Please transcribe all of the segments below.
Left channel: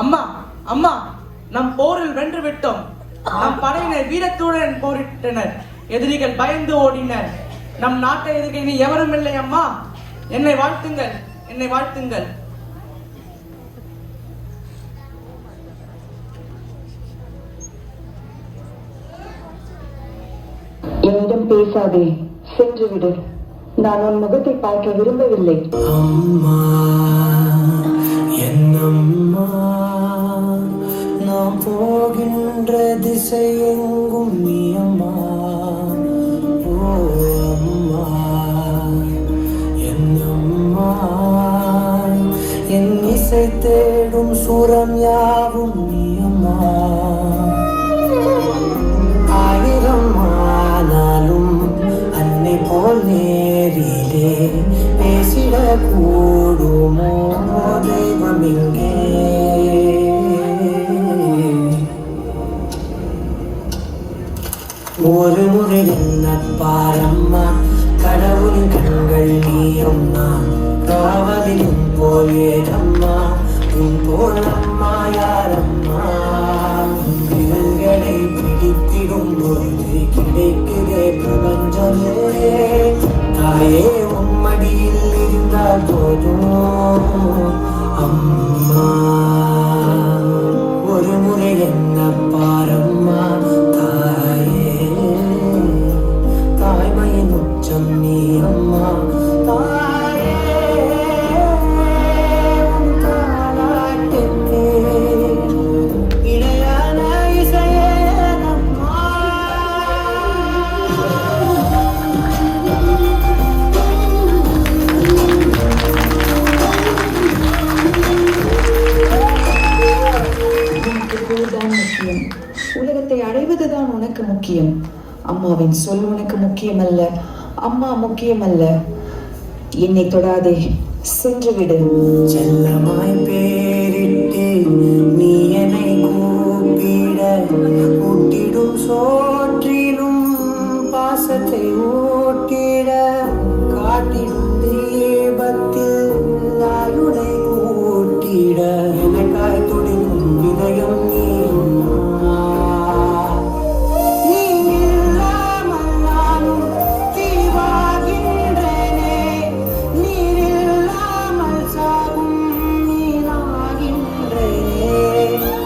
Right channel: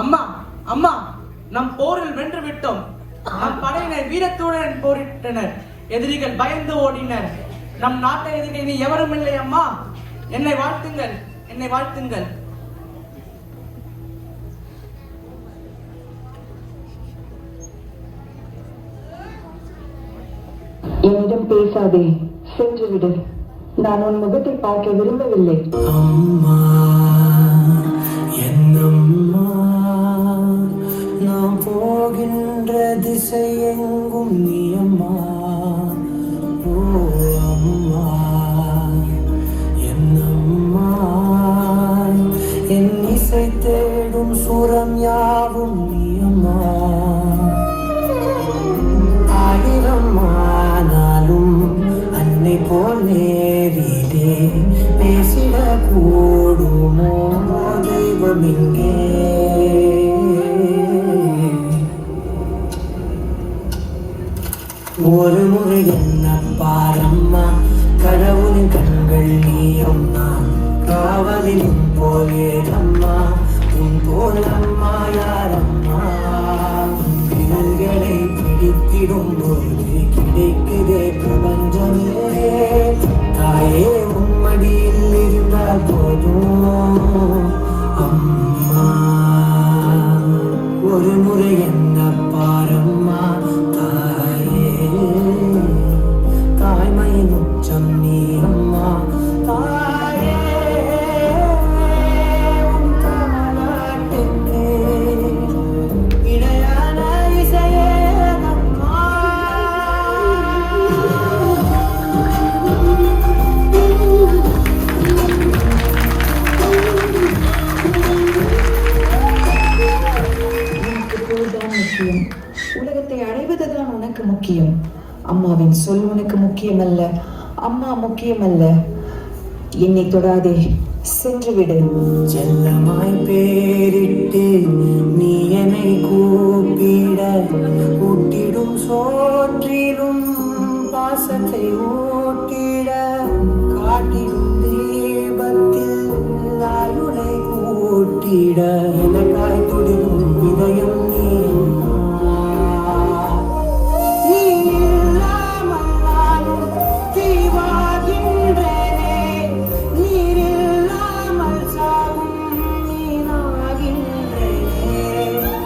அம்மா அம்மா, நம் போரில் வென்று விட்டோம். நம் படையினர் வீரத்துடன் போரிட்டனர். எதிரிகள் பயந்து ஓடினர். நம் நாட்டை எதிர்க்க இனி எவரும் இல்லை. அம்மா, என்னை வாழ்த்துங்கள், என்னை வாழ்த்துங்கள். என்னிடம் பேசாதே, சென்று விடு. நான் உன் முகத்தை பார்க்க விரும்பவில்லை. அம்மா, என்னம்மா, நாம் போகின்ற திசையெங்கும் நீ அம்மா. ஓ அம்மா, என்னம்மா, என் இசை தேடும் சுரம் யாவும் நீ அம்மா. ஆயிரம் ஆனாலும் அன்னை போல் நேரிலே பேசிட கூடுமோ தெய்வம் இங்கே. ஒரு முறை என்ன பாரம்மா, கடவுளின் கண்கள் நீயம்மா. காவலிலும் போலேதம்மா, உன் போலம்மா யாரம்மா. திகழ்களை பிடித்திடும் போது கிடைக்கிறே பிரபஞ்சமே. தாயே உம்மடியில் இருந்தால் போதும் அம்மா. ஒரு முறை என்ன பாரம்மா தாயே, தாய்மையின் உச்சம் நீ அம்மா. தாயே, உன் தாலாட்டுக்கு இணையான இசையே அம்மா. உலகத்தை அடைவதுதான் உனக்கு முக்கியம். அம்மாவின் சொல் உனக்கு முக்கியமல்ல. அம்மா முக்கியமல்ல. என்னை தொடாதே, சென்று விடு. செல்லமாய் பேரிட்டு நீ என்னை கூப்பிட, ஊட்டிடும் சோற்றிலும் பாசத்தை ஊட்டிட, காட்டிடும் தீபத்தில் நான் உன்னை கூட்டிட, எனக்காய் துடிக்கும் இதயம் நீ அம்மா. நீ இல்லாமல் நானும் தீவாகின்றேனே, நீர் இல்லாமல் சாவும் நீனாகின்றேனே.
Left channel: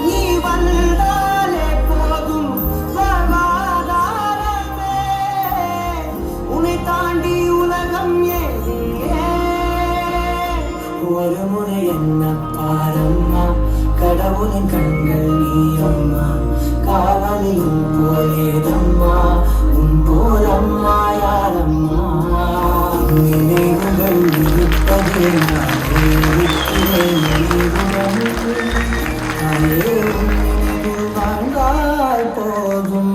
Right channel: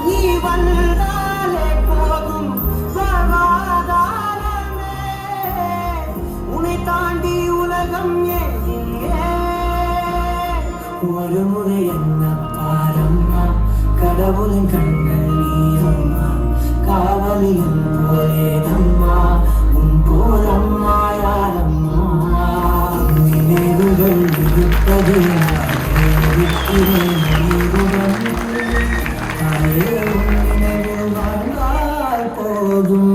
நீ வந்தாலே போதும் சமாதானமே, உன்னை தாண்டி உலகம் ஏன். ஒரு முறை என்ன பாரம்மா, கடவுளின் கண்கள் நீ அம்மா. காவலிலும் போலேதம்மா, உன் போலம்மா யாரம்மா. நினைவுகள் இருப்பது நானே இருக்கிறேன் நீருடன். தாயே, உன் வாழ்ந்தால் போதும்.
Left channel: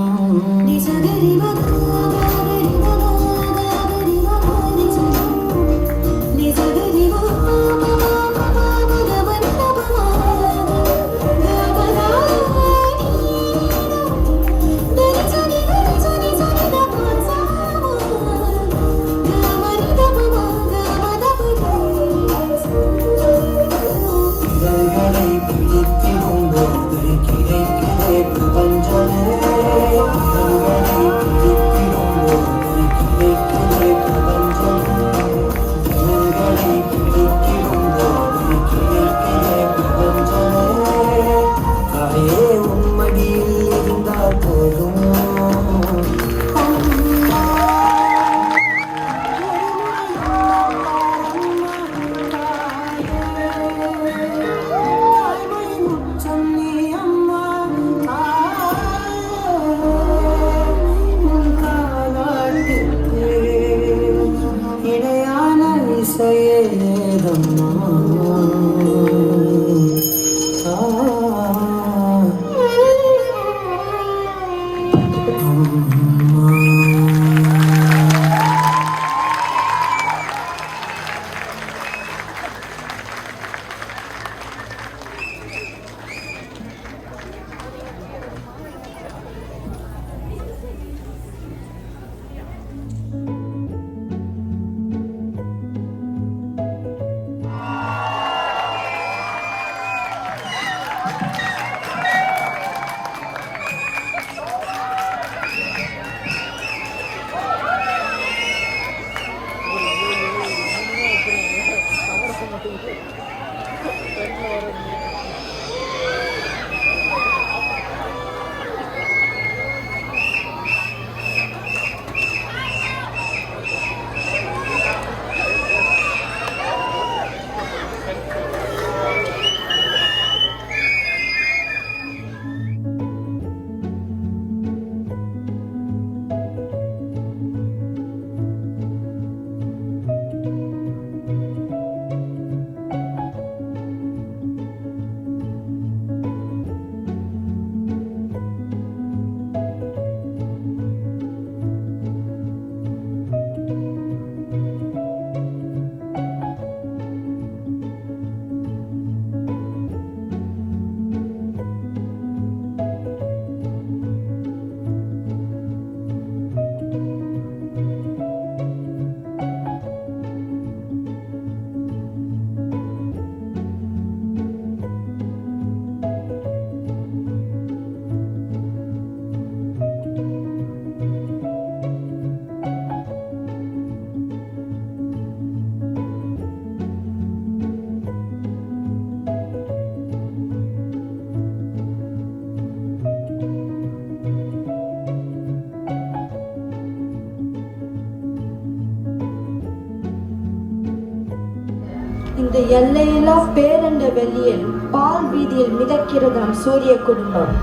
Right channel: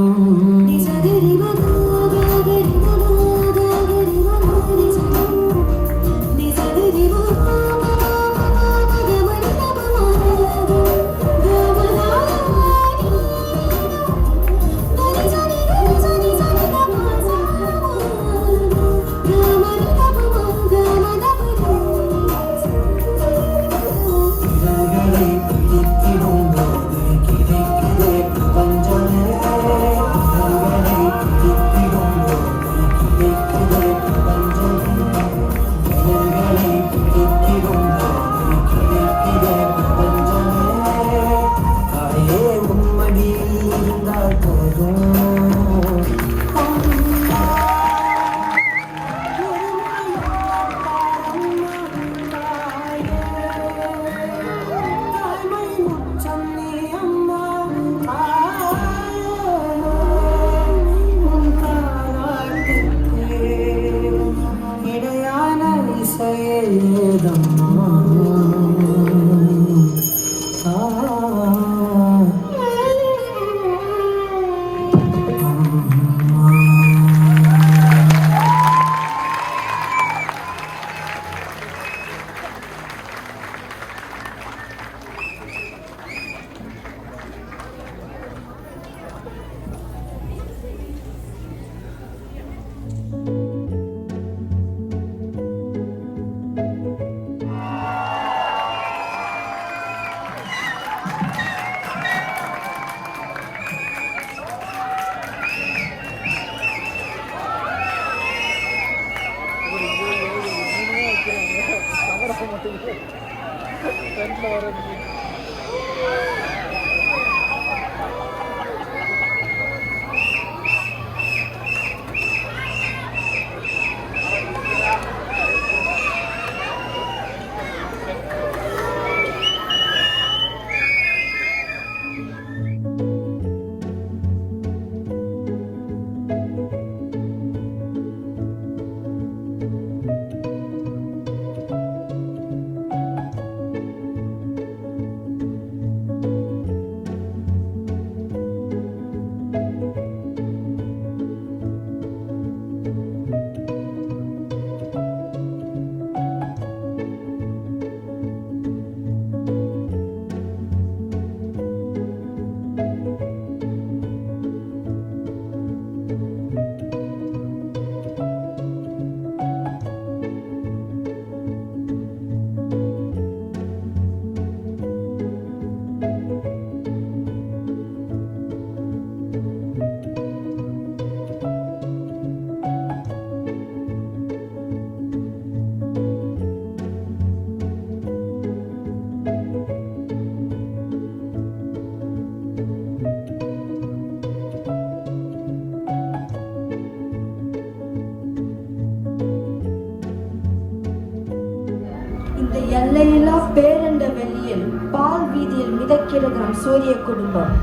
இந்த எல்லையில்லா பேரண்ட வெளியில் பால் வீதியில் மிதக்கிறதாம் சூரிய குடும்பம்.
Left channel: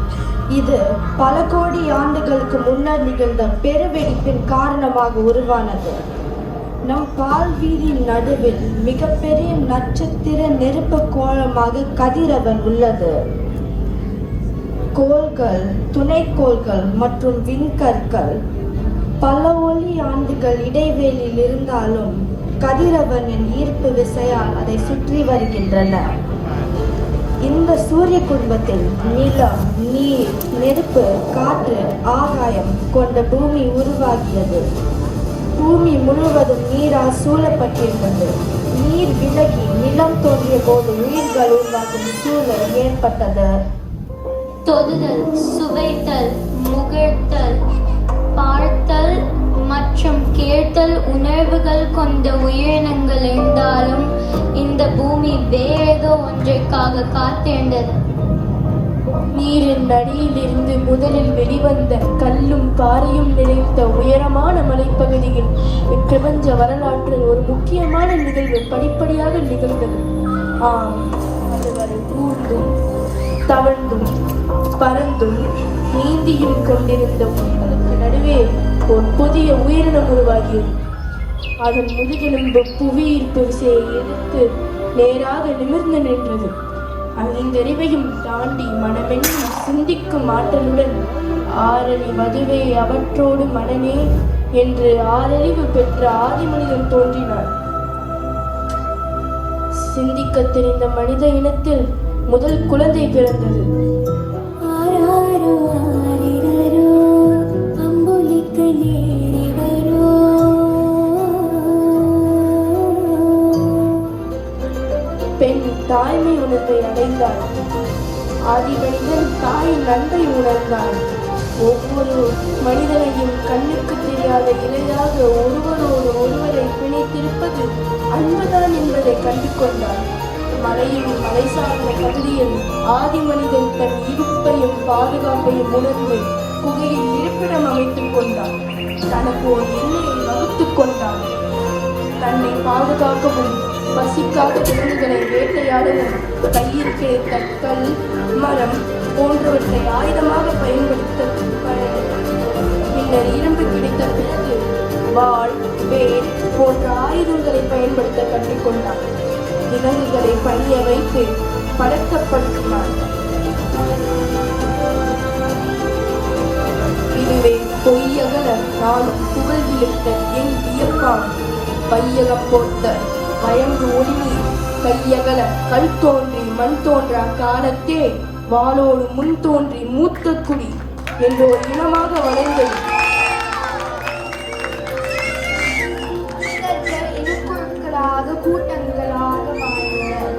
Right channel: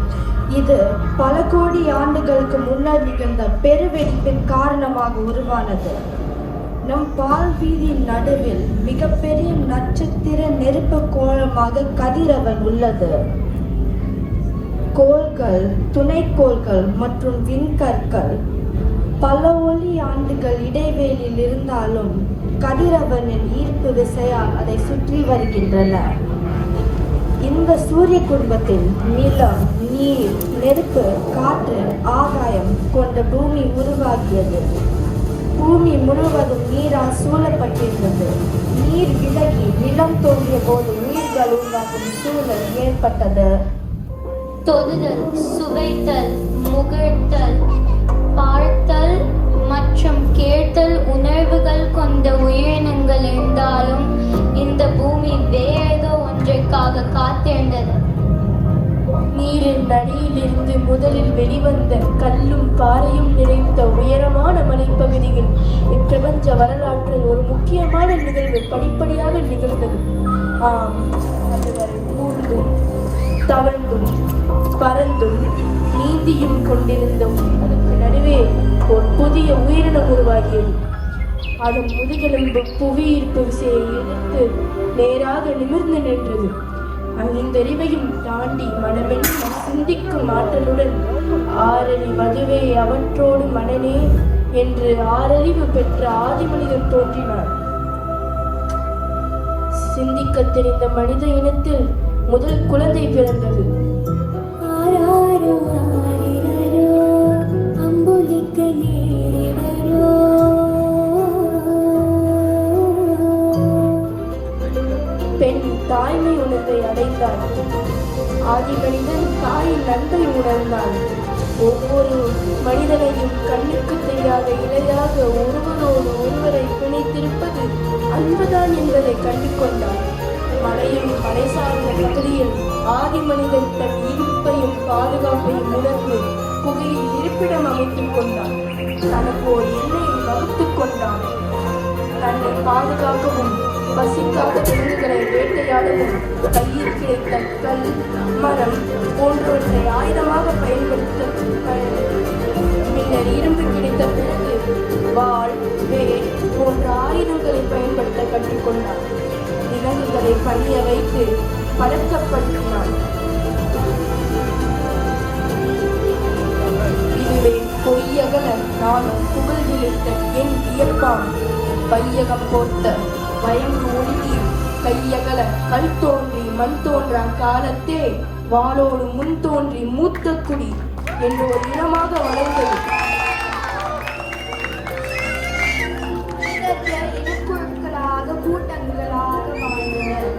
இது பல கோடி ஆண்டுகளுக்கு முன்னர் நிகழ்ந்த பெருவெடிப்பின் காரணமாக உருவானது. நம் பால் வீதியின் நடுவில் மிகப்பெரிய நட்சத்திர நெருப்பு கோளமாக கதிரவன் உள்ளது. கோள்கள், துணைக்கோள்கள் மற்றும் விண்கற்கள் பல ஒளி ஆண்டுகள் இடைவேளியில் இருந்தாலும் கதிரவனின் ஈர்ப்பு விசையால் அதை சுற்றி வருகின்றன. இந்த சூரிய குடும்பத்தில் நிலம், நீர், நெருப்பு, காற்று, ஆகாயம் கொண்ட பூமி உருவாகியது. பூமி முழுவதும் நீரால் சூழப்பட்டிருந்தது. நீர் விலகி நிலம் தோன்றிய போது நீர்கள் உருவாகும் சூழல் ஏற்பட்டது. தொடுதல், சுவைத்தல், முகர்த்தல், பார்த்தல் மற்றும் கேட்டல் உணர்வுகள் கொண்ட உயிரினங்கள் இருந்தாலும் இந்த பூமி வேறேதோ ஒன்றிற்காக காத்திருந்தது. நீரின் அடியிலிருந்து முதலில் வெளிவந்த கல்லும் பாறையும் நிறைந்த உயரமான மலைப்பகுதியில் இப்பிரபஞ்ச வரலாற்றில் ஒரு முக்கியமான நிகழ்வு படிப்படியாக நிகழ்ந்தது. ஆம், ஊர்ந்தும் தவழ்ந்தும் பறந்தும் நீந்தியும் கொண்டிருந்த உங்களுக்கு நடுவே ஒரு புதிய உயிரினம் உருவாகியது. அதன் முதுகெலும்பு புவியீர்ப்பு விசையை எதிர்த்து நேராக நிமிர்ந்து நின்றது. ஐந்தறிவையும் தாண்டி மனவெண்ண சிந்திக்கும் ஆற்றலுடன் ஆரணி மதுவே அவற்றோடு மனனே என்று ஆறறிவு பெற்ற ஆதி மனிதன் தோன்றினார். சிந்திக்க தெரிந்த மனித இனத்தில் முதல் குழந்தை பிறந்தது. பெண் தாய்மை உணர்வை அடைந்தாள். ஆதி மனிதன் தாயின் அன்பை உணர்ந்தான். ஒவ்வொரு மனிதனையும் கண்ணுக்கு தெரியாத இலையாக ஒருவரோடு ஒருவரை பிணைத்திருப்பது அன்புதான் என்பதை கண்டு கொண்டார். மலையும் மலை சார்ந்த பகுதியில் ஆதி மனிதன் தன் இருப்பையும் பாதுகாப்பையும் உணர்ந்து புகையில் இருப்பிடம் அமைத்துக் கொண்டான். தனக்கு ஒரு எல்லையை வகுத்துக் கொண்டான். தன்னை பாதுகாக்கவும் பசிக்காத விலங்குகளை வேட்டையாடவும் கையில் கிடைத்த கல், மரம் போன்றவற்றை ஆயுதமாக பயன்படுத்த பின்னர் இரும்பு கிடைத்த பிறகு வாள், வேல் போன்ற ஆயுதங்களை பயன்படுத்த கற்றுக்கொண்டார். விலங்குகளை பணிய வைத்து பழக்கப்படுத்தினார். இதுவே பொய்யகல நாம் புகழ் விழுத்த என் வியப்பாம். பையகம் போர்த்த பயங்கு ஒளிநீர் கையகல கல் தோன்றி மண் தோன்றா காலத்தே மாலோடு முன் தோன்றி மூத்த குடி என்ற ஒரு இனமாக வளர்ந்தது. கூட்டங்களாக வாழ்ந்தனர்.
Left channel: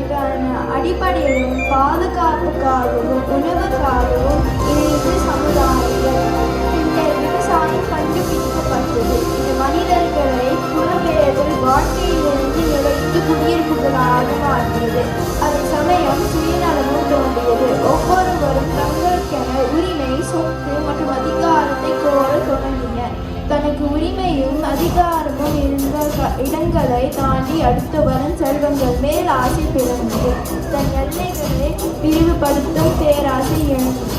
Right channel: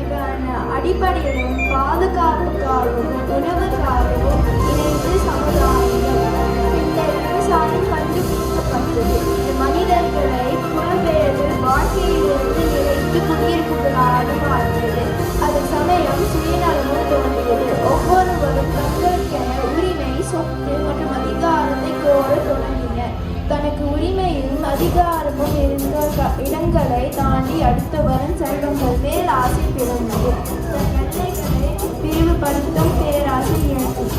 இதன் அடிப்படையில் பாதுகாப்புக்காகவும் உணவுக்காகவும் இணைந்து சமுதாயம் பின்னர் விவசாயம் கண்டுபிடிக்கப்பட்டது. இது மனிதர்களை புலம்பெயர்கள் வாழ்க்கையிலிருந்து நிலைத்து குடியிருப்புகளாக மாற்றியது. அதே சமயம் சுயநலமும் தோன்றியது. ஒவ்வொருவரும் தங்களுக்கென உரிமை, சொத்து மற்றும் அதிகாரத்தை கோர தொடங்கினர். தனக்கு உரிமையும் அதிகாரமும் இருந்த இடங்களை தாண்டி அடுத்தவரின் செல்வங்கள் மேல் ஆசை பெறுகிறது. தன் எல்லைகளை விரிவுபடுத்தும் பேராசை எழுந்தது.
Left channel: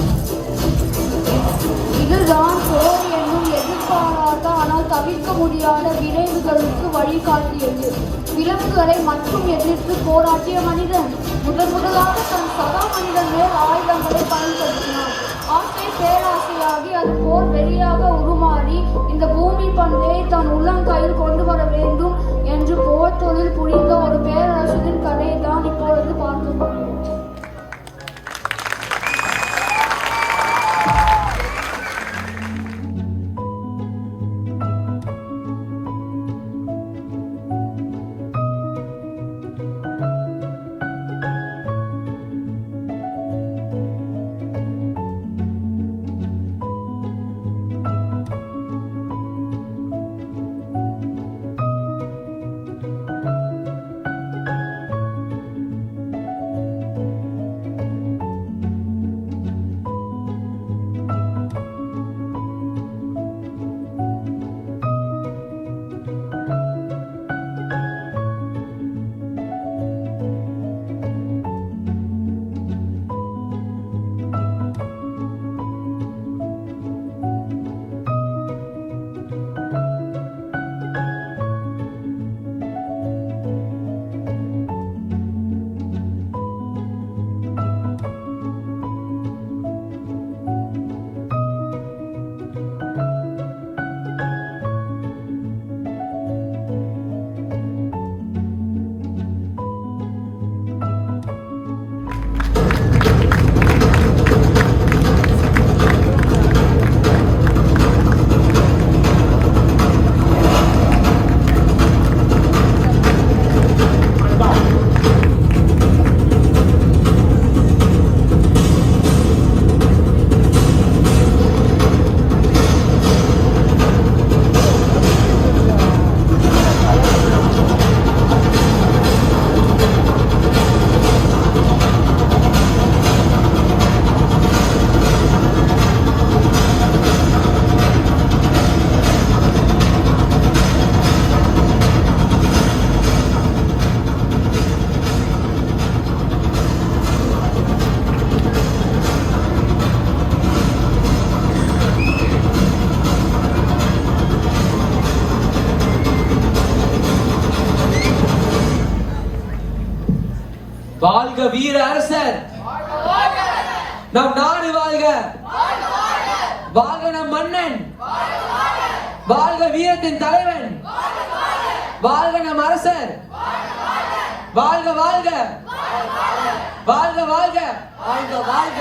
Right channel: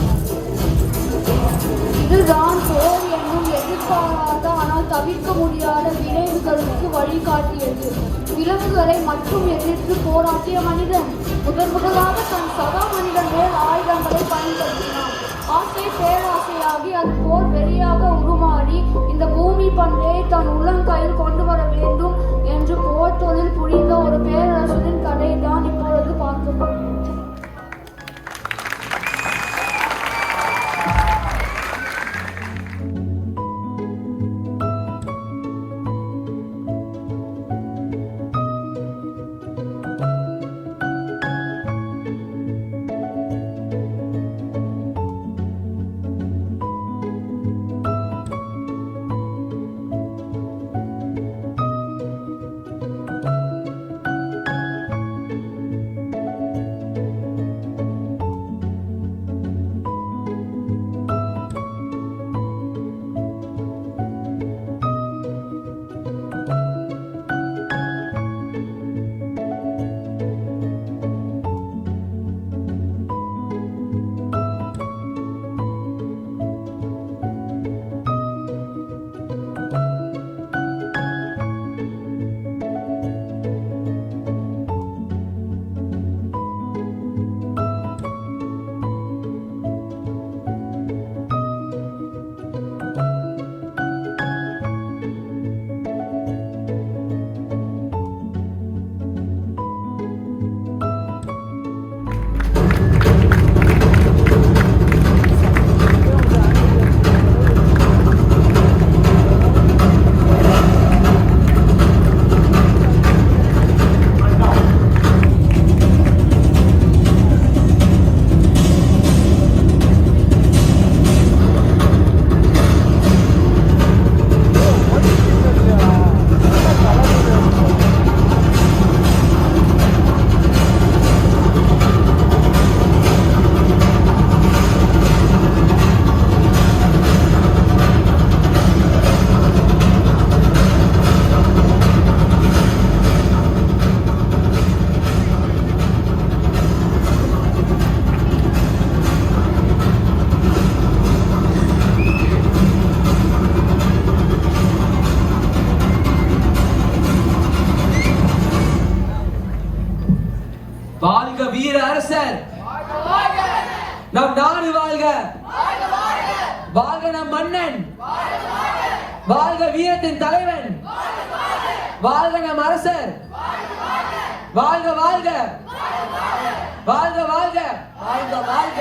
இதுதான் போர் என்னும் எதிர்பாராத ஆனால் தவிர்க்க முடியாத விளைவுகளுக்கு வழிகாட்டியது. விலங்குகளை மட்டும் எதிர்த்து போராட்டிய மனிதன் முதலாக தன் சகா மனிதன் மேல் ஆயுதங்களை பயன்படுத்தினார். ஆசை பேராசையாகி அது போர் வெளியாக உருமாறி இந்த பூமி பந்தை தன் உள்ளங்கையில் கொண்டு வர வேண்டும் என்று போர் தொழில் புரிந்த ஒரு பேரரசரின் கதையை தான் இப்பொழுது பார்க்க போகிறோம். வாழ்க வீர அரசர், நம் நாடு வாழ்க, வாழ்க நம் மன்னன், வாழ்க வீரத்தின் தலைவன், வாழ்க நம் அரசர், வாழ்க வாழ்க, வாழ்க வாழ்க, வாழ்க வாழ்க.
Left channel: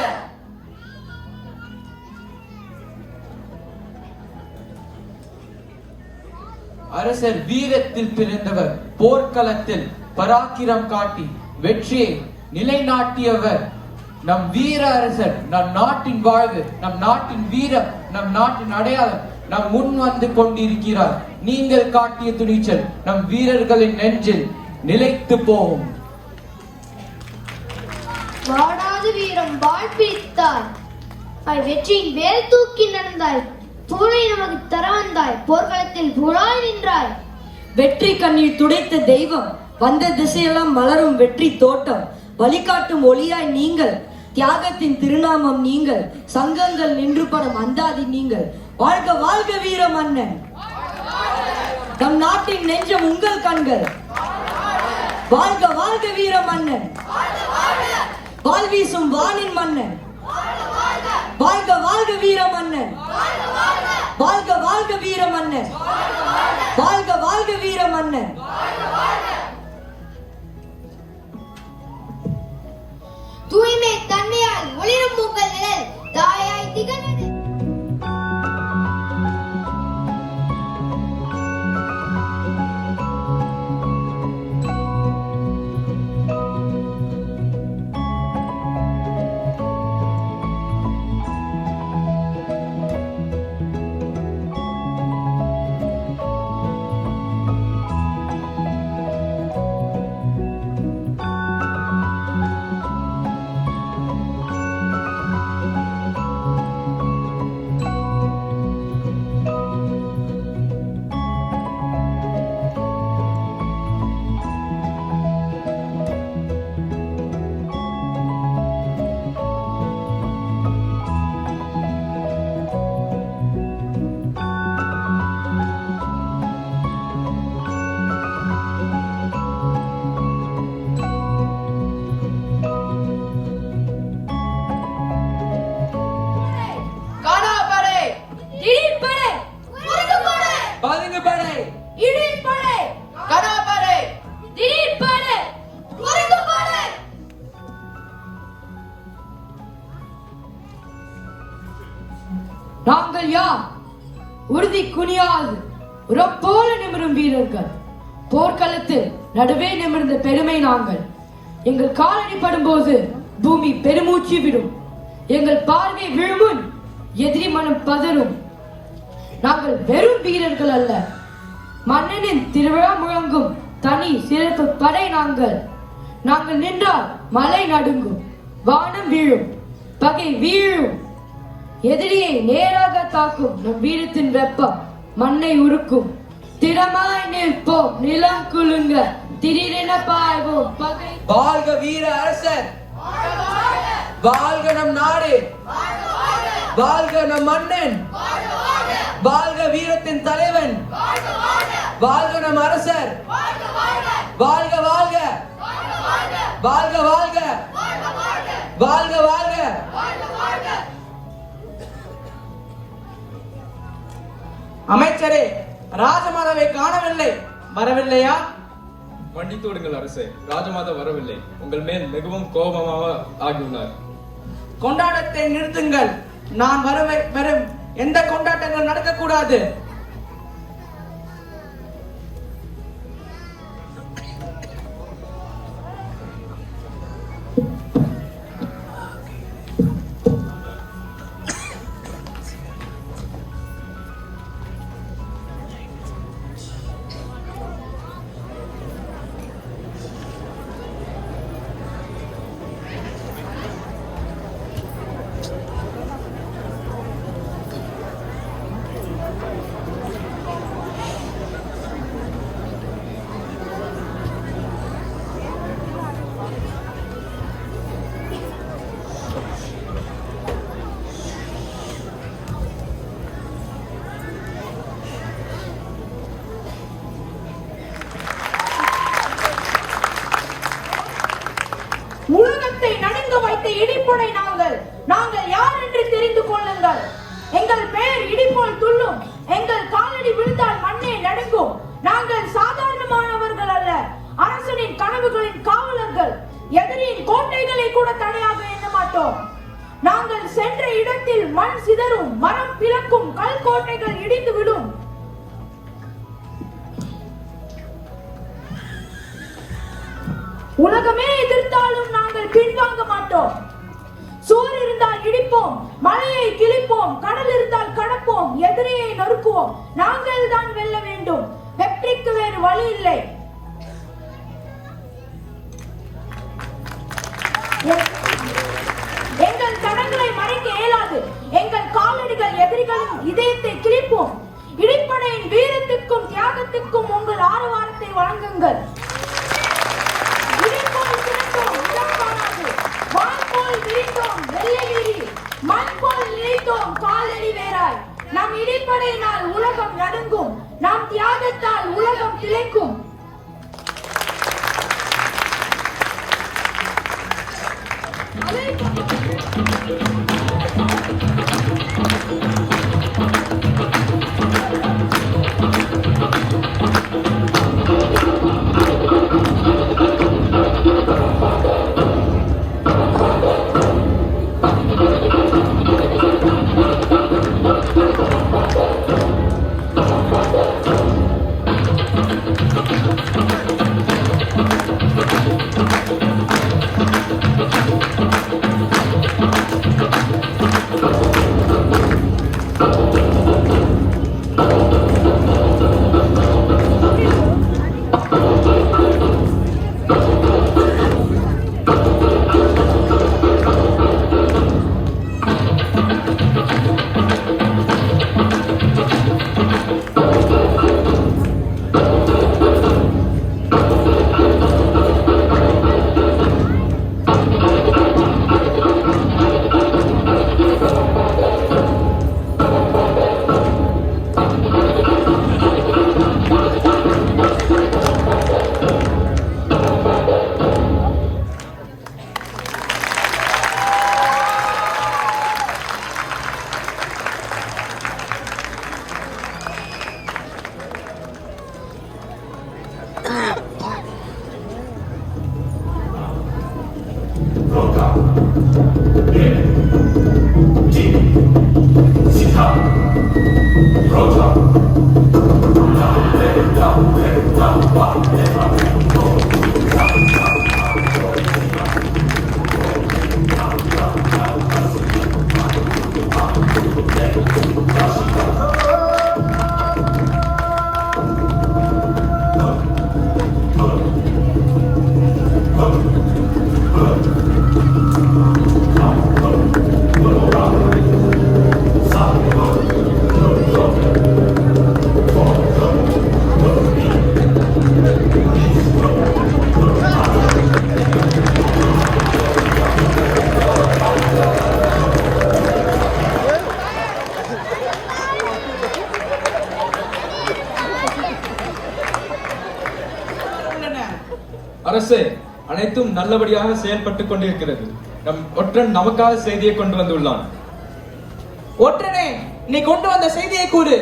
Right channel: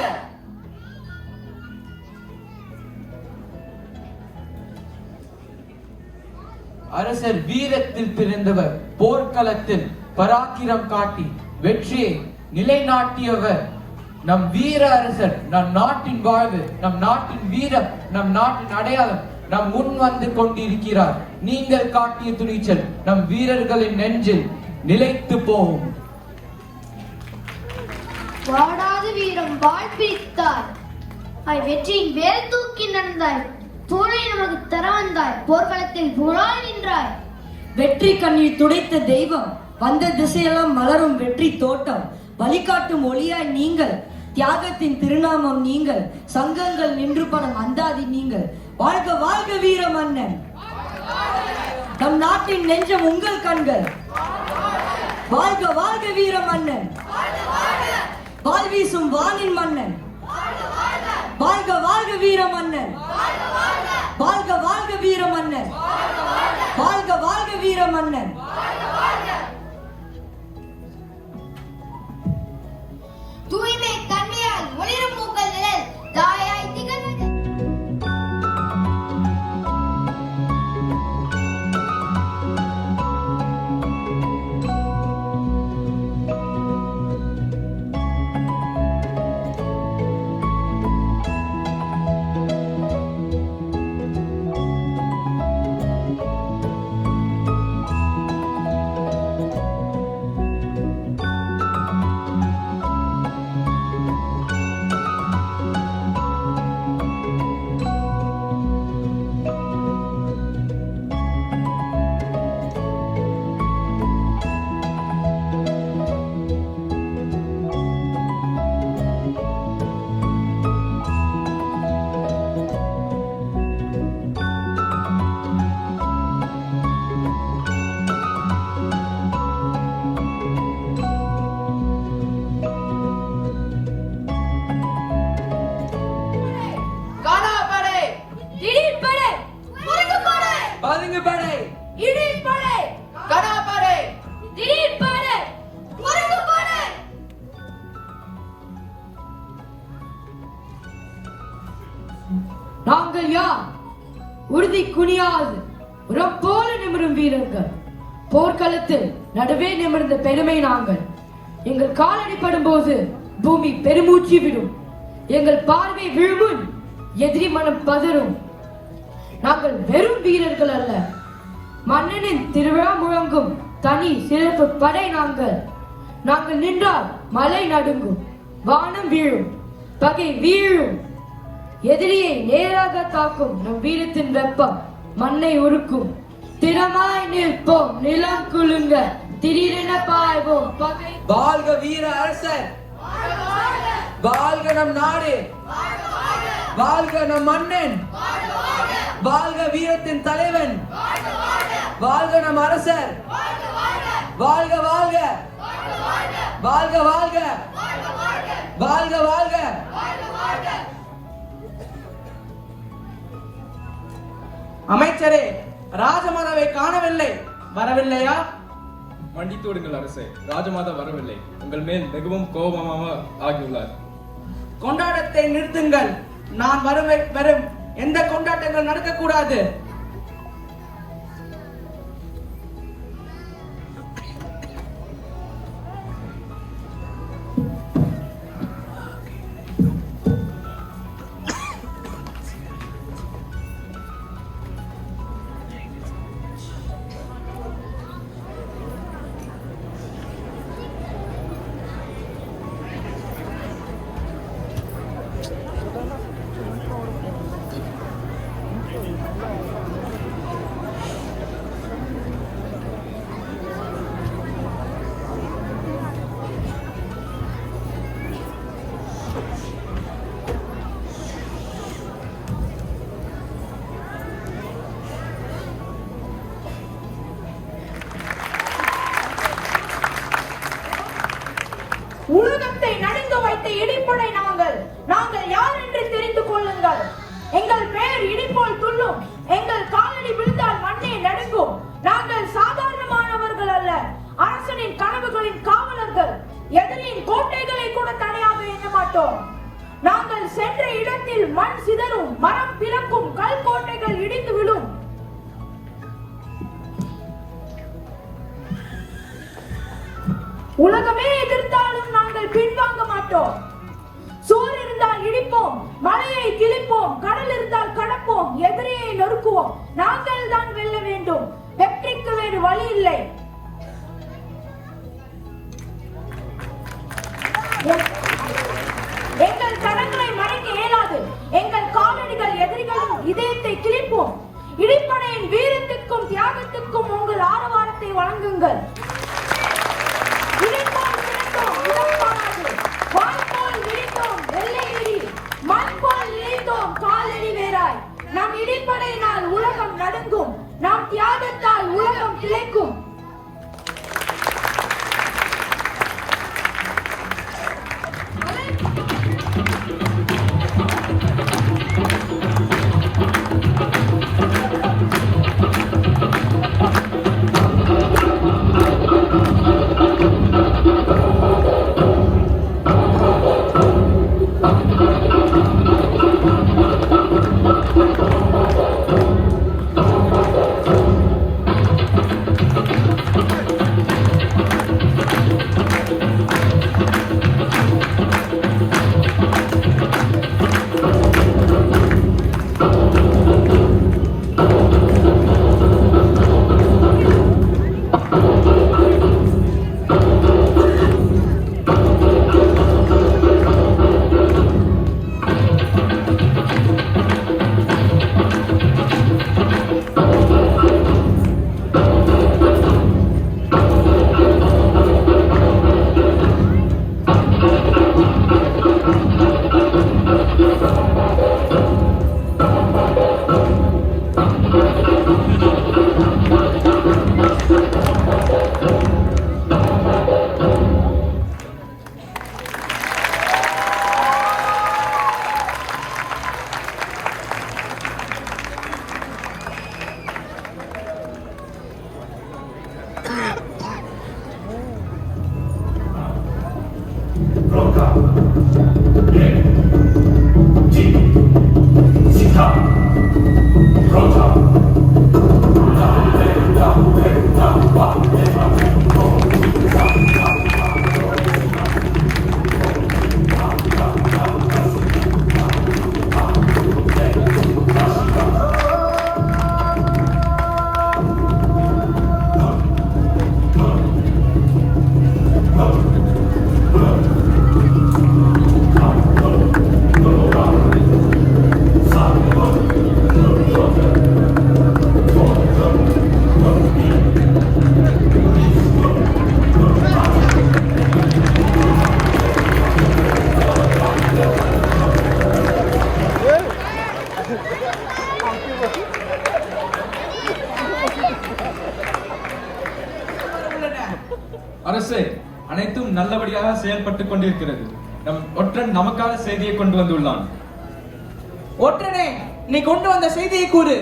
அரசர் வீரத்தில் பிறந்தவர், போர்க்களத்தில் பராக்கிரம் காட்டி வெற்றியை நிலைநாட்டியவர். நம் வீர அரசர், நம் நாட்டின் வாழ்வு, நம் நாட்டின் வீரம், நம் நாட்டின் அடையாளம் நம் முன் வந்து கொண்டிருக்கிறார். நீங்கள் காட்டிய துணிச்சல் நம் வீரர்களின் நெஞ்சில் நிலைத்து போகும். வாடாது வீரம் வாழ்பிடித்தாய், வெற்றியின் வேல் தூக்கி நடந்தாய், போரை நமக்கு தர வந்தாய், போர்க்களத்தில் புழாய் நின்றாய். வெற்றி கண்ணீர் துடைத்த தெய்வம், வந்த திசையெல்லாம் மலரும் வெற்றி தோட்டம், வழிகாட்டும் ஒளியாய் நீங்கள், தியாகத்தின் திருநாமம் நீங்கள், சங்கங்கள் நின்று படும் அந்தாதி நீங்கள். வாழ்க வாழ்க வீர மன்னன், நம் நாட்டின் நெஞ்சம் உங்கள் கண்கள். வாழ்க வாழ்க வீர மன்னன், வாள் வீசும் வானின் மன்னன். வாழ்க வாழ்க வீர மன்னன், வாழ்க வாழ்க வீர மன்னன், வாழ்க வாழ்க வீர மன்னன். தூய்மை தன்மையால் ஒளிரும் உங்கள் நிழல் தாயாய் திகழ்வது. நாங்கள் யார்? உறுதி குனியாது உரம் போல நிமிரும் வீரர்கள். போர்க்களத்தில் நடுவே நிமிர்ந்த பெருமை நாங்கள். எங்கள் காலடி படும்போது பூமி பெருமூச்சு விடும். எங்கள் பார்வை விழுமுன் எதிரி மனம் பதறும். நாங்கள் வெறும் வீரர்கள் அல்ல, மன்னனின் திருவிழா முழங்கும் தனி சிறப்பு படை நாங்கள். நாங்கள் நின்றால் மலை நடுங்கும், வானம் வீழும், பகை வீழும். எதிரியை நேராக தாக்கும் நம் வீரத்தின் வெப்பம் மண்ணை உருக்கும். திறமாய் நிற்போம், நிலம் குலுங்க, திடீரென பாய்வோம் பகை. வாழ்க வீர அரசர், வாழ்க நம் நாடு, வாழ்க நம் மன்னன், வாழ்க வீரத்தின் தலைவன், வாழ்க நம் அரசர், வாழ்க வாழ்க, வாழ்க வாழ்க, வாழ்க வாழ்க. அமைச்சரே, ராஜமாதாவை காணவில்லை, வரவில்லையா? மன்னித்து விடுங்கள் அரசே, ராஜமாதா வரவில்லை. உங்கள் மேல் மிகவும் கோபமாக ஆகியுள்ளார். கொண்டாட்டத்தை நிறுத்துங்கள். நான் வரும் எந்த கொண்டாட்டங்கள் நடக்கக்கூடாது. உலகத்தை நடுங்க வைத்த இடிப்படை நாங்கள் யார் என்று தெரிந்து கொள்ளுங்கள். எங்கள் பெயர் இடிப்போல் துள்ளும், எங்கள் காலடி விழுந்தால் மண்ணை நடுங்கும். நாங்கள் சாதாரணமானவர்கள் அல்ல, அரசனின் கனவுகளின் காவலர்கள். எதிரியின் கோட்டைகளை கூட தடையாக எண்ண மாட்டோம். நாங்கள் சென்ற இடத்தில் மண் சிதறும், மரம் பிளக்கும், கல் கோட்டைகள் இடிந்து விடும். உலகமே எதிர்த்தாலும் நாங்கள் பின்வாங்க மாட்டோம். சுவர் இருந்தால் இடிப்போம், மலையை கிழிப்போம், கடல் இருந்தால் கடப்போம், எதிரியை நொறுக்குவோம். நாங்கள் தான் வெல்ல வேண்டும். வெற்றிக்கு வேறு வழி இல்லை. எங்கள் கரங்களை மறைக்க இயலாது. எங்கள் காலடிகள் எதிரிகளின் இதயத்தை கிழிப்போம். இடிப்படையின் வீரத்திற்கும் தியாகத்திற்கும் உங்கள் ஆரவாரத்தை வழங்குங்கள். இடிப்போல் திரண்டோம், உடன்பாடு. வான்போல் விரித்தோம், வெள்ளை விழி. மண்போல் இழைத்தோம், காலடி வேறாய். நம் இடிப்படையினால் உலகம் நடுங்கும், நம் தியாகத்தால் உலகம் கிளைக்கும். அரசே, அனைத்தும் நல்லபடியாக செயல்பட்டுக் கொண்டிருக்கிறது. நம் ஒற்றன் நமக்காக செய்தியை கொண்டு வந்துள்ளான். ஒற்றனே, நீ கொண்டு வந்த செய்தியை கூறு.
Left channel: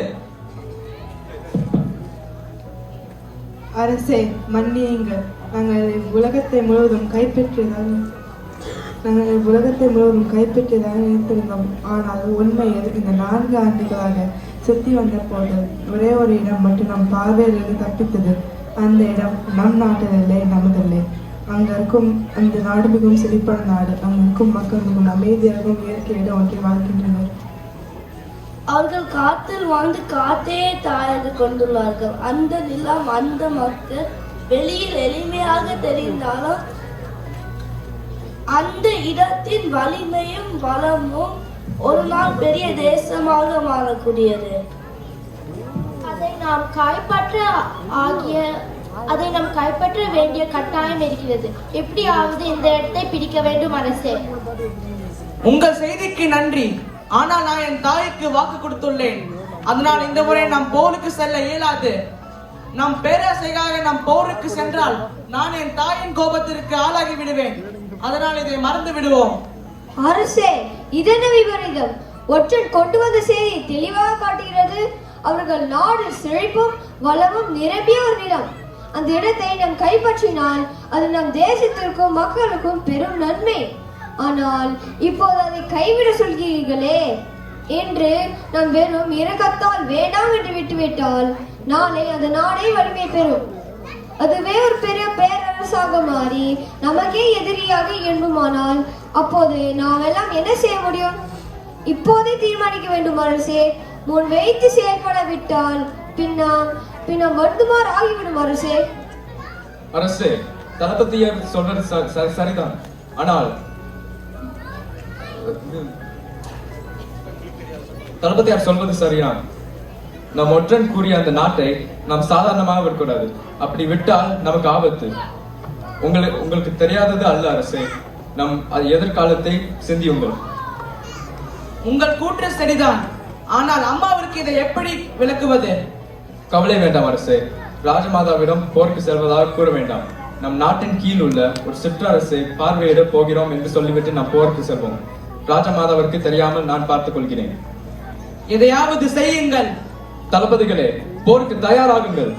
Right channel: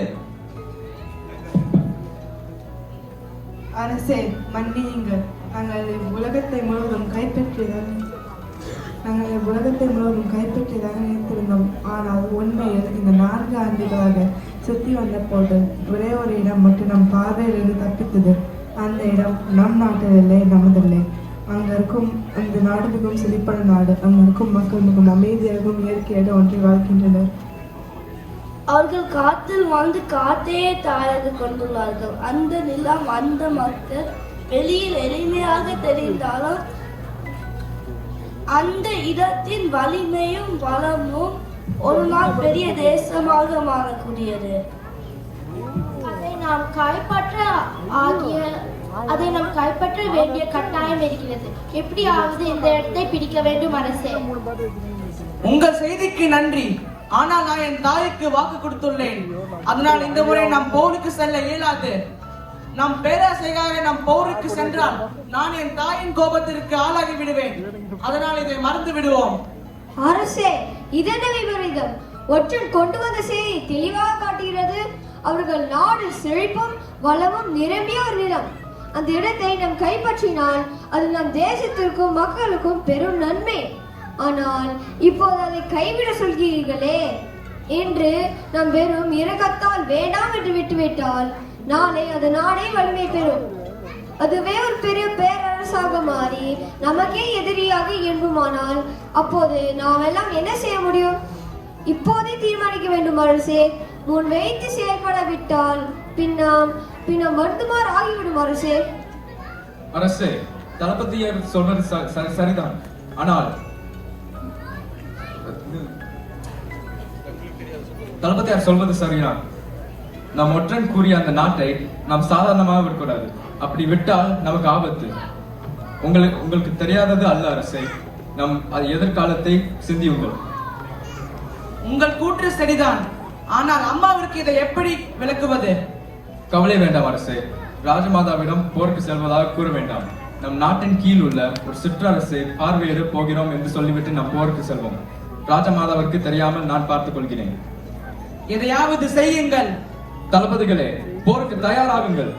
அரசே, மன்னியுங்கள். நாங்கள் உலகத்தை முழுவதும் கைப்பற்றியதான் நினைத்திருந்தோம். ஆனால் உண்மை இந்த 4 ஆண்டுகளாக சுத்தி வந்த போது ஒரே ஒரு இடம் மட்டும் நம் பார்வையிலிருந்து தப்பித்தது. அந்த இடம் நம் நாட்டில் இல்லை, நமதில்லை. அங்க இருக்கும் அந்த நாடு மிகவும் செழிப்பான நாடு. அங்க இருக்கும் மக்கள் மிகவும் அமைதியாகவும் இயற்கையாக ஒன்றி வாழ்கின்றனர். அவர்கள் காத்தில் வாழ்ந்து காத்தையே தாழது கொண்டுள்ளார்கள். அந்த நிலம், அந்த மக்கள் வெளியில் எளிமையாக தெரிந்தாலும் அந்த இடத்தின் வலிமையும் வளமும் ஒரு நாள் பெரிய தேசமாக மாறக்கூடியது. அதை நாம் கைப்பற்ற வேண்டிய கட்டாயம் இருக்கிறது. எப்படியாவது இந்த இடத்தை பிடிக்க வேண்டும் அரசே. உங்கள் செய்திக்கு நன்றி. ஆனால் நான் என் தாய்க்கு வாக்கு கொடுத்துள்ளேன். அதனால் இந்த முறை நாம் போருக்கு செல்ல இயலாது. நாம் பேராசையாக நாம் போருக்கு சென்றால் நான் என் தாயின் கோபத்திற்கு ஆளாகி விடுவேன். அதனால் இதை மறந்து விடுவோம். அரசே, இதென்ன விபரீதம்? ஒற்றன் கொண்டு வந்த செய்தி தெளிவாக காட்டுகிறது. அவர்கள் நாடு செழிப்பும் வளமும் நிரம்பிய ஒரு நிலம். அந்த இடத்தை நாம் கைப்பற்றினால் அது நம் தேசத்திற்கும் மக்களுக்கும் பெரும் நன்மை. ஆனால் இப்போது அதை கைவிட சொல்கிறீர்களே என்று நாம் வெறும் இரக்கத்தால் வேண்டாம் என்று விட்டுவிட்டால் நாளை அது நாடே வலிமை பெறும். அதுவே ஒரு பெரிய பேரரசாக மாறி நமக்கே எதிரியாக இயங்குமானால் அப்போது நாம் எல்லாம் என்ன செய்ய முடியும்? இப்போதே தீர்மானிக்க வேண்டும் அரசே. முன் வைத்து செயல்படாவிட்டால் பின்னம் வருந்துமாறு ஆகிவிடும் அரசே. அரசே, தளபதியார் சொன்னது சரிதான். ஆனால் தளபதியார் சொல்வது சரியா? நம் ஒற்றன் கூறிய அந்த நாட்டை நாம் சாதாரணமாக விடக்கூடாது. அப்படி விட்டால் நமக்கு ஆபத்து. உங்களுக்கு தெரியாதது அல்ல அரசே. நம் அது எதிர்காலத்தை சிந்தியுங்கள். உங்கள் கூற்று சரிதான். ஆனால் அம்மாவிற்கு இதை எப்படி விளக்குவது? கவலை வேண்டாம் அரசே. ராஜமாதாவிடம் போருக்கு செல்வதாக கூற வேண்டாம். நம் நாட்டின் கீழ் உள்ள ஒரு சிற்றரசை பார்வையிட போகிறோம் என்று சொல்லிவிட்டு நாம் போருக்கு செல்வோம். ராஜமாதாவிற்கு தெரியாமல் நான் பார்த்துக் கொள்கிறேன். எதையாவது செய்யுங்கள். தளபதிகளே, போருக்கு தயாராகுங்கள்.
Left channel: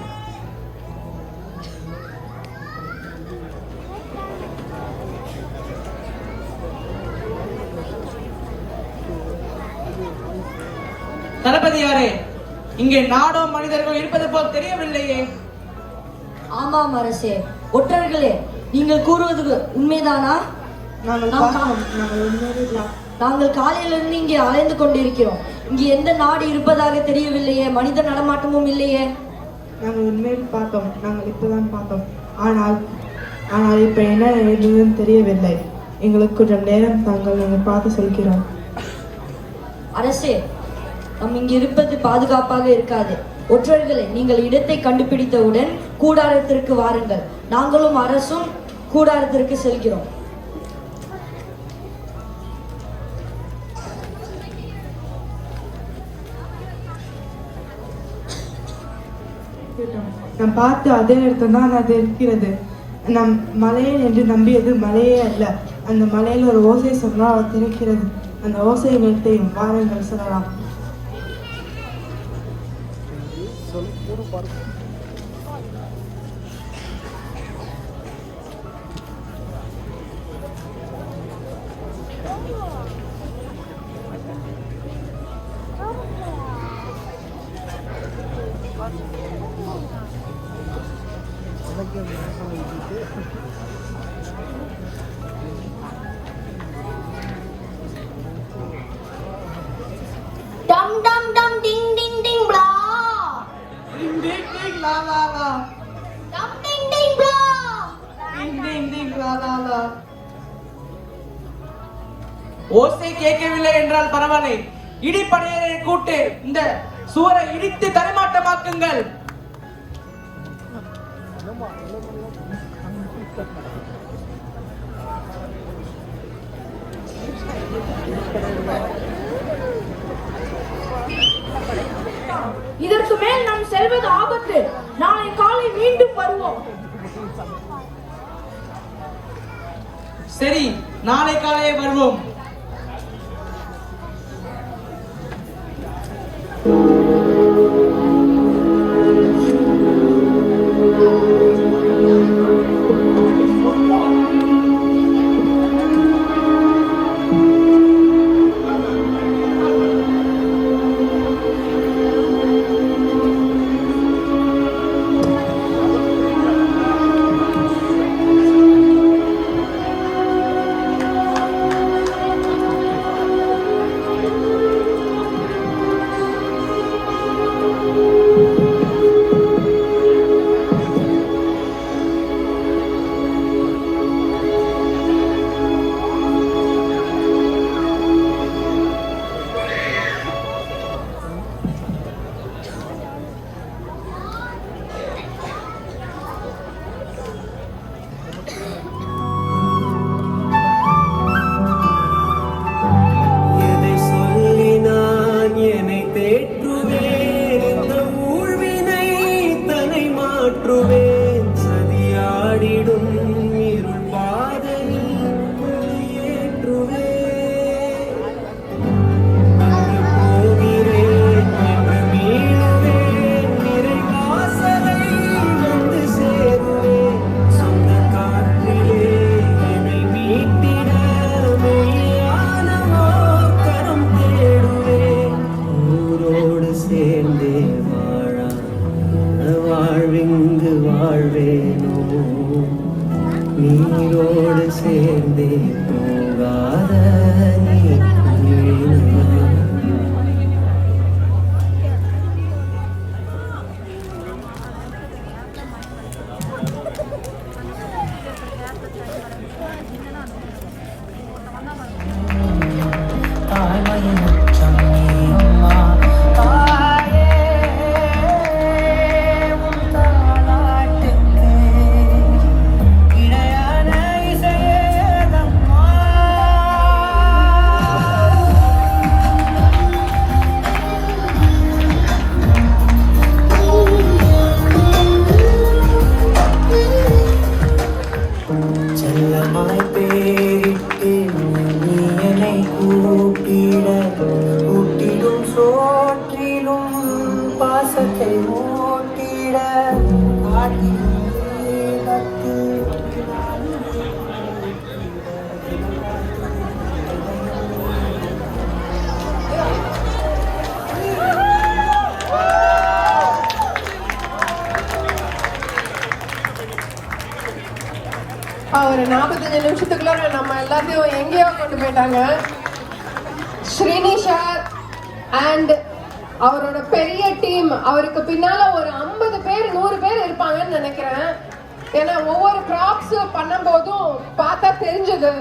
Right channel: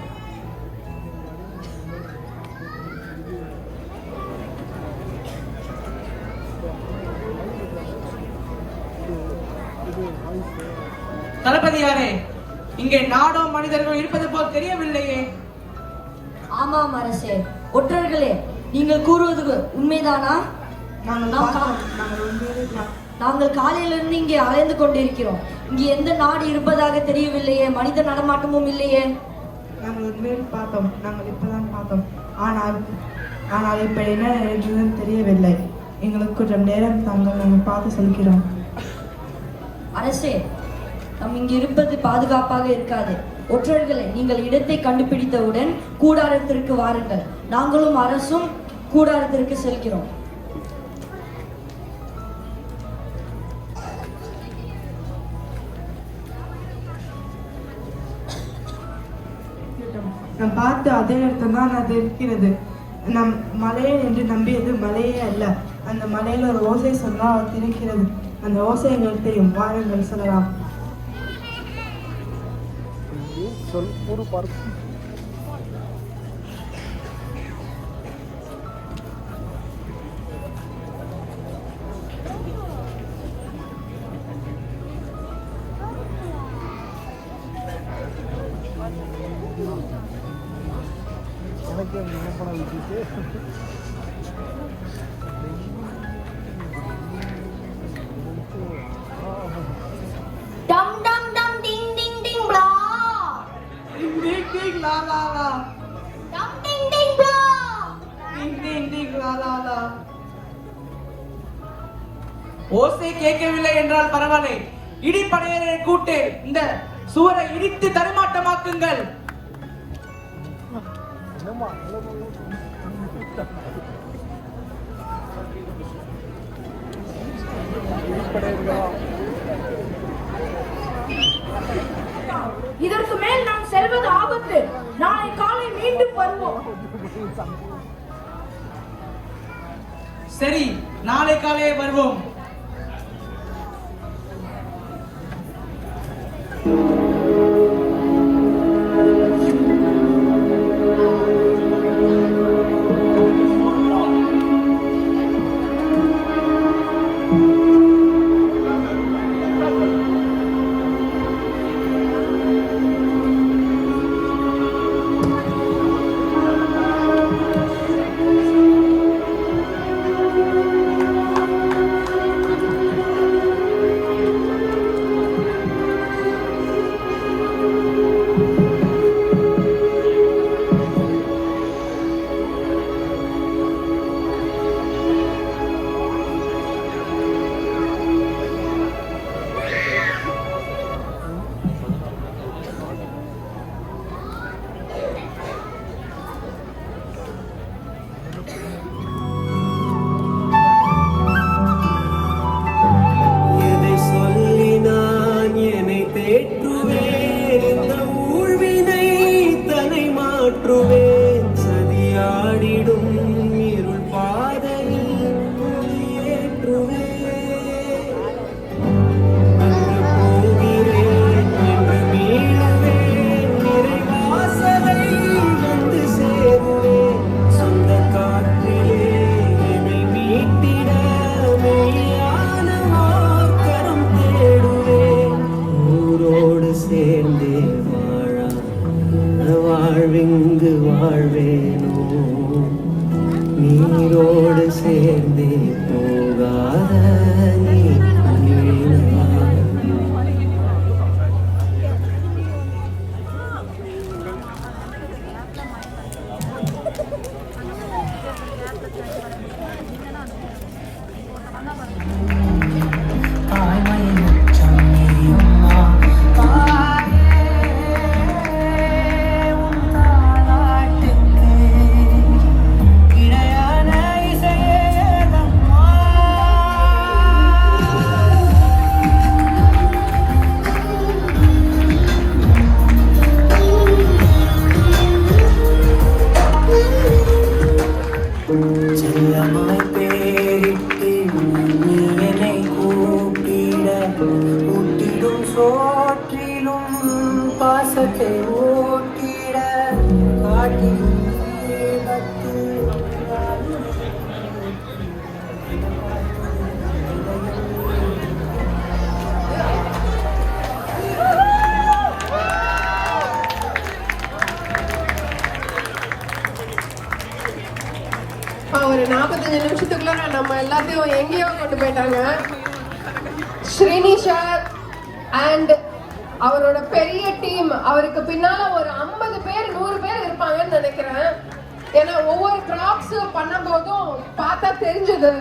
தளபதியாரே, இங்கே நாடோ மனிதர்கள் இருப்பது போல் தெரியவில்லையே. ஆமாம் அரசே. ஒற்றர்களே, நீங்கள் கூறுவது உண்மைதானா? நாங்கள் காலையிலிருந்து இங்கே அலைந்து கொண்டிருக்கிறோம். இங்கே எந்த நாடு இருப்பதாக தெரியவில்லையே. மனித நடமாட்டமும் இல்லையே. நாங்கள் உண்மையில் பார்த்தோம். நாங்கள் இப்பதான் பார்த்தோம். ஆனால் இப்ப என்ன ஏதுன்னு தெரியவில்லை. எங்களுக்கு கொஞ்சம் நேரம் தாங்கள் பார்த்து சொல்கிறோம். அரசே, நாம் இங்கு இருப்பது பாதுகாப்பாக இருக்காது. ஒற்றர்களே, நீங்கள் இடத்தை கண்டுபிடித்தவுடன் கூடாரத்திற்கு வாருங்கள். நாங்களும் அரசும் கூடாரத்திற்கு செல்கிறோம். நான் பார்த்து அதே இடத்துல தான் அது இருக்கிறது. நம் மலையில் என்று நம்பியது மலையே அல்ல. அந்த மலையில ஒரு ஓசை சொன்னால் அது இருக்கிறது. அந்த ஓசை எங்களுக்கு வாரங்கள் சொல்லலாம். Dum dum dum ding ding ding blah. Ding ding ding la la la. Dum ding ding blah. Ding ding ding la la la. ஓசை கேட்கவில்லை என்றால் பரவாயில்லை. இடிப்படையரை கூட்டு இந்த சுவரை இடித்து தரைமாட்டமாக்குங்கள். இதற்கு மேல் நாம் செல்வது ஆபத்து. நாளை காலை மீண்டும் வருவோம். சரி, நாளை காலை வருவோம். மாற்றுவேன் சதியாடிடும் இருள் பாதையில் நீரோடு சேர்ந்தே போகாத நீ குளிரினாய். தாய்மையின் உச்சம் நீ அம்மா தாயே உன் தாலாட்டுக்கு இணையான இசையேதம்மா. செல்லமாய் பேரிட்டு நீ என்னை கூட்டிட கூட்டிடும் சோற்றிலும் பாசத்தை ஊட்டிட காட்டிடும் ஈரத்தில் ஒரு 45 நிமிஷத்துக்குள்ள நம்ம எல்லாத்தையும் எங்கேயோ கொண்டு போயிட்டாங்க. ஸ்ரீனிஷர் அண்ட் அவரோட பெரிய டீம், அவருக்கு பின்னால ஒரு 50 பேர் 100 பேர் இருப்பாங்கன்னு நினைக்கிறேன். ஏன்னா ஒவ்வொரு கிராப்ஸ் பண்ணும் போதும் பார்த்தா தெரிஞ்சது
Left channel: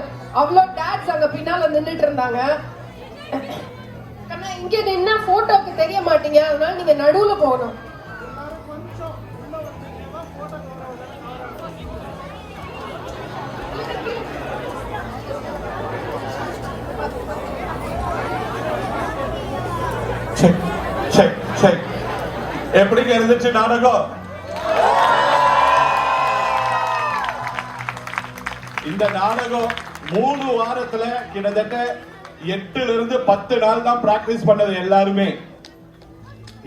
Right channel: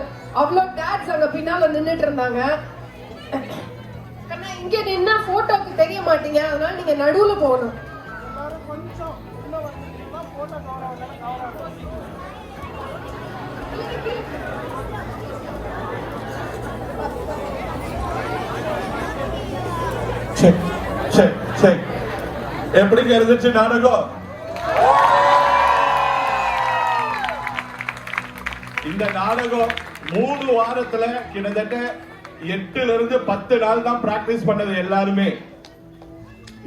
அவ்வளோ டேட்ஸ் அங்க பின்னால நின்றுட்டு இருந்தாங்க. ஆனா இங்க நின்னா போட்டோக்கு தெரிய மாட்டீங்க, அதனால நீங்க நடுவுல போகணும். Check check check. எப்படிங்க இருந்துச்சு நாடகம்? இந்த நாடகம் 3 வாரத்துல கிட்டத்தட்ட 8 இருந்து 10 நாள் தான் பிராக்டிஸ் பண்ணது எல்லாருமே.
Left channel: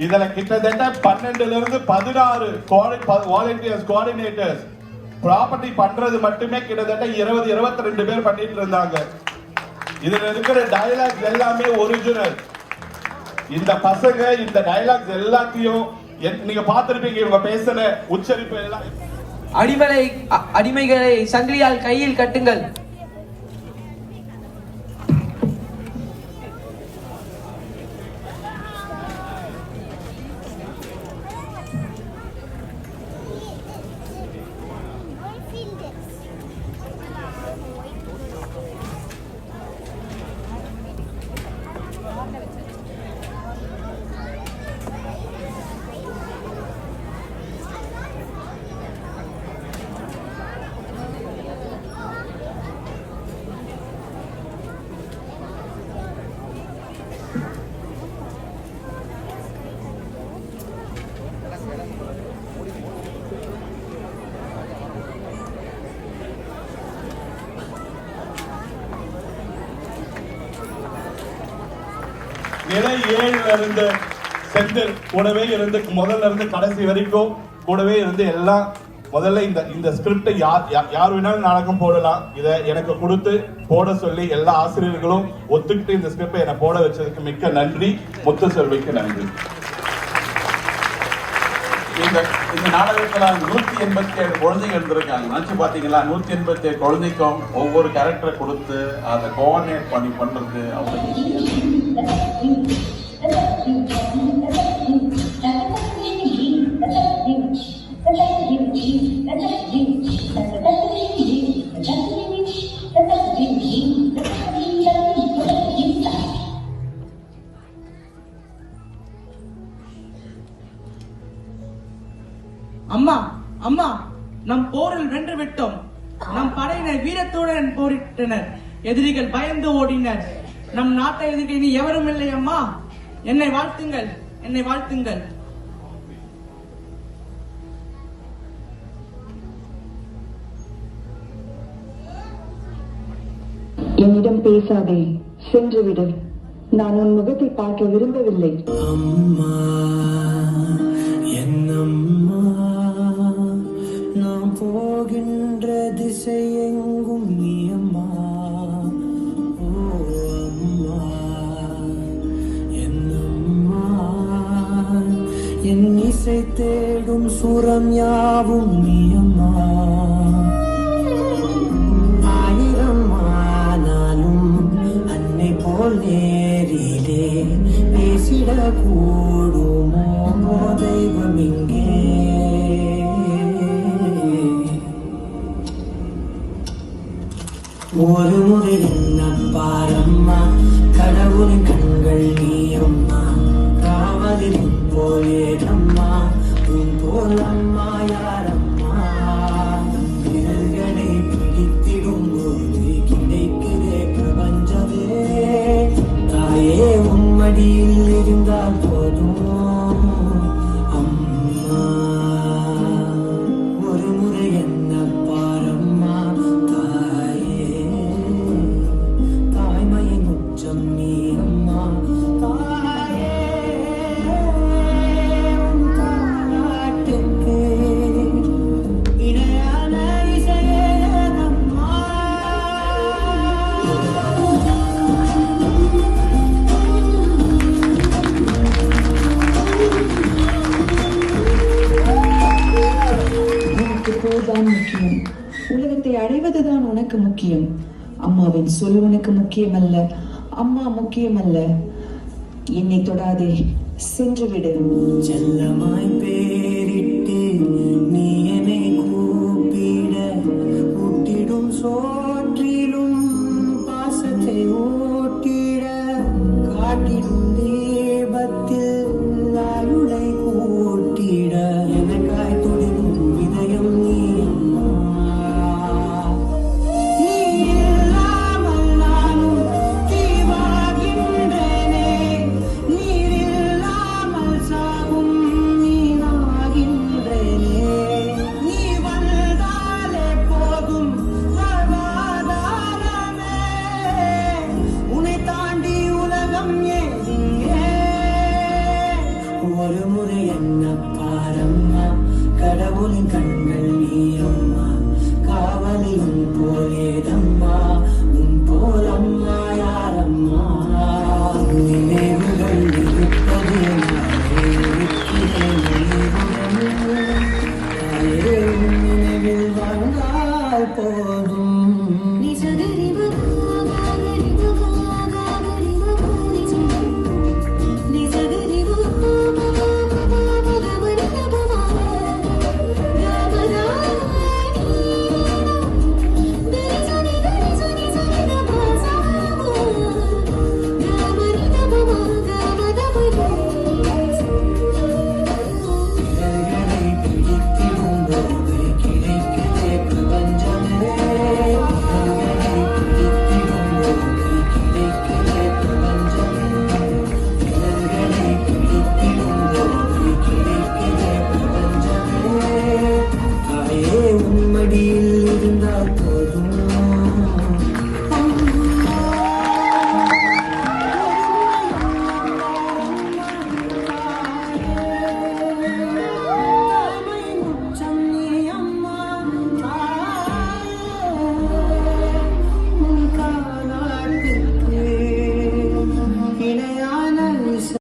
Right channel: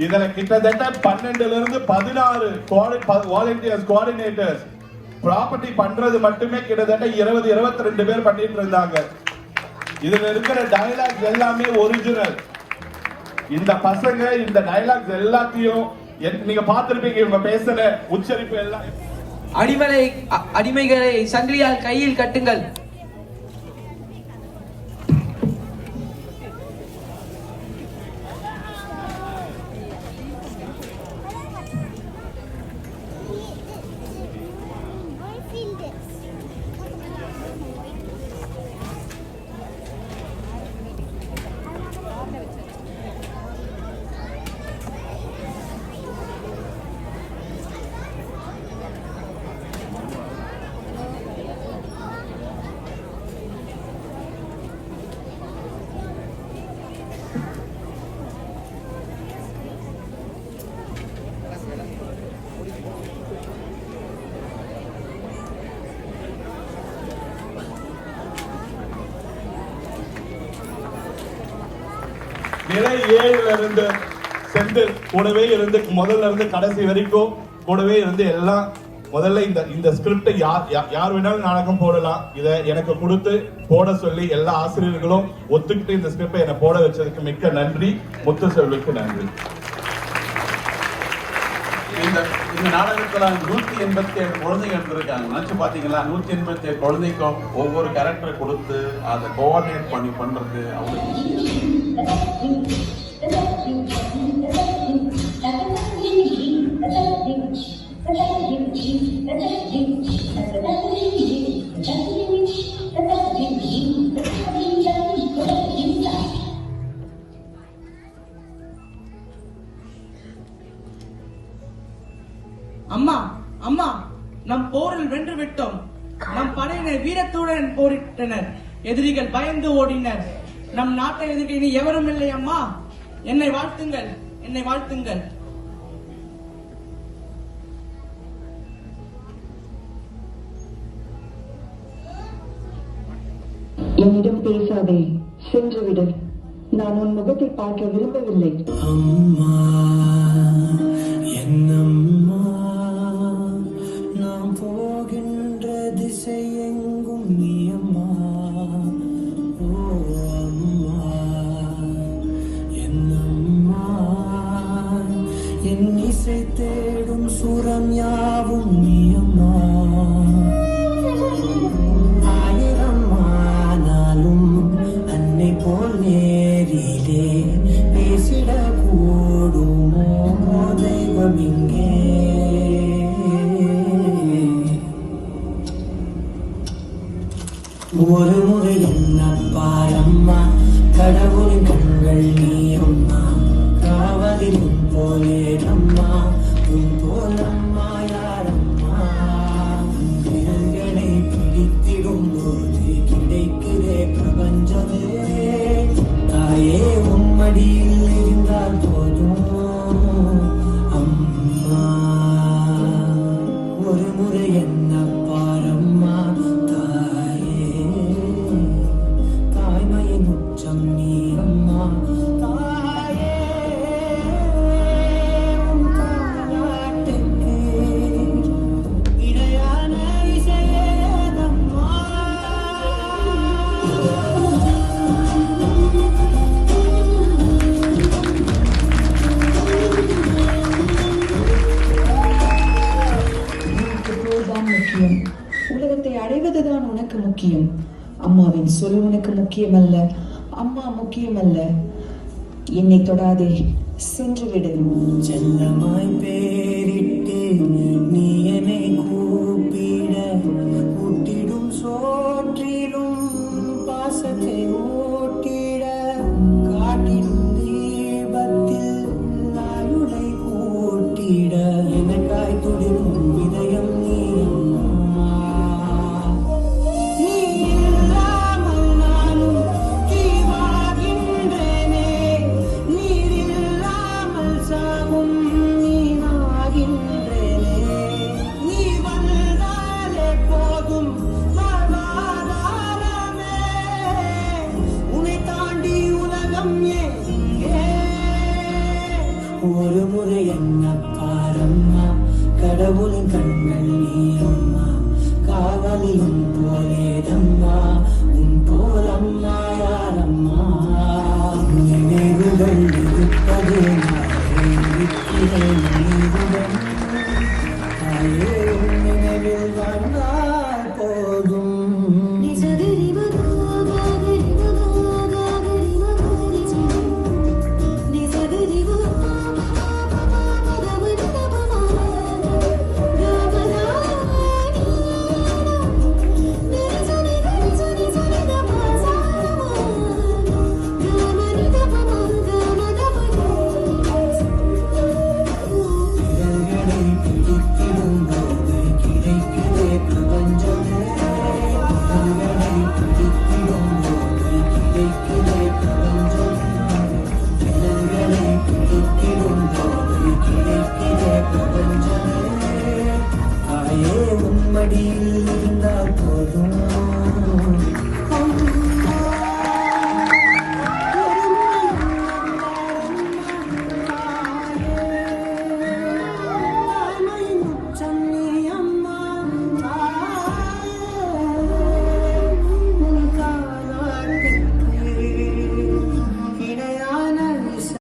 இதுல கிட்டத்தட்ட 12 இருந்து 16 வாலண்டியர்ஸ் கோஆர்டினேட்டர்ஸ் ப்ராப்பர்ட்டி பண்றது மட்டுமே கிட்டத்தட்ட 20-22 பேர் பண்ணிட்டு இருந்தாங்க. இதுல இருக்கிற டயலாக்ஸ் எல்லாமே ஒரிஜினல். இந்த பசங்க இந்த டயலாக்ஸ் எல்லாத்தையும் நீங்க பார்த்திருப்பீங்க, இவங்க பேசுற உச்சரிப்பு எல்லாம். அடிமைகளை சங்கிலியால் கையில் கட்டுங்கள். நிலை 7 இருந்து செந்தில் கூடவே இருந்து முதல்ல இருந்து கடைசி வரைக்கும் கூடவே இருந்து எல்லாம். முதல்ல இந்த ஸ்கிரிப்டை யார் வேணாலும் நாடகம் போடலாம். இதை எனக்கு கொடுத்து போட சொல்லி எல்லா ஆசிரியர்களும் ஒத்துக்கிட்டு இந்த ஸ்கிரிப்டை என்னை போட வச்சதுக்கு மிக்க நன்றி. முத்துசெல்விக்கு நன்றி. இந்த நாடகத்துல 187 குழந்தைகள் இருக்காங்க. நினைச்சு பாத்தீங்களா? 187 குழந்தைக்கும் ஒவ்வொரு கேரக்டரை கொடுத்து அதை கோஆர்டினேட் பண்ணி பண்றது. அம்மா அம்மா, நம் போரில் வென்று விட்டோம். நம் படையினர் வீரத்துடன் போரிட்டனர். எதிரிகள் பயந்து ஓடினர். நம் நாட்டை எதிர்க்க இனி எவரும் இல்லை அம்மா. என்னை வாழ்த்துங்கள், என்னை வாழ்த்துங்கள். என்னிடம் பேசாதே, சென்று விடு. நான் உன் முகத்தை பார்க்க விரும்பவில்லை. அம்மா என்னம்மா, நாம் போகின்ற திசை எங்கும் நீ அம்மா. ஓ அம்மா என்னம்மா, என் இசை தேடும் சுரம் யாவும் நீ அம்மா. ஒரு முறை என்ன பாரம்மா கடவுளின் கண்கள் நீ அம்மா காவலின் போலே அம்மா உன் போல் அம்மா யாரம்மா விரல்களை பிடித்திடும் போது கிடைக்குதே பிரபஞ்சமே தாயே உம்மடியில் இருந்தால் போதும் அம்மா ஒரு முறை என்ன பாரம்மா தாயே தாய்மையின் உச்சம் நீ அம்மா தாயே தாலாட்டுக்கு இணையான இசையே அம்மா உனக்கு போர்தான் முக்கியம், உலகத்தை அடைவதுதான் உனக்கு முக்கியம். அம்மாவின் சொல் உனக்கு முக்கியமல்ல, அம்மா முக்கியமல்ல. என்னை தொடாதே, சென்று விடு. செல்லமாய் பேரிட்டு நீ என்னை கூப்பிட ஊட்டிடும் சோற்றிலும்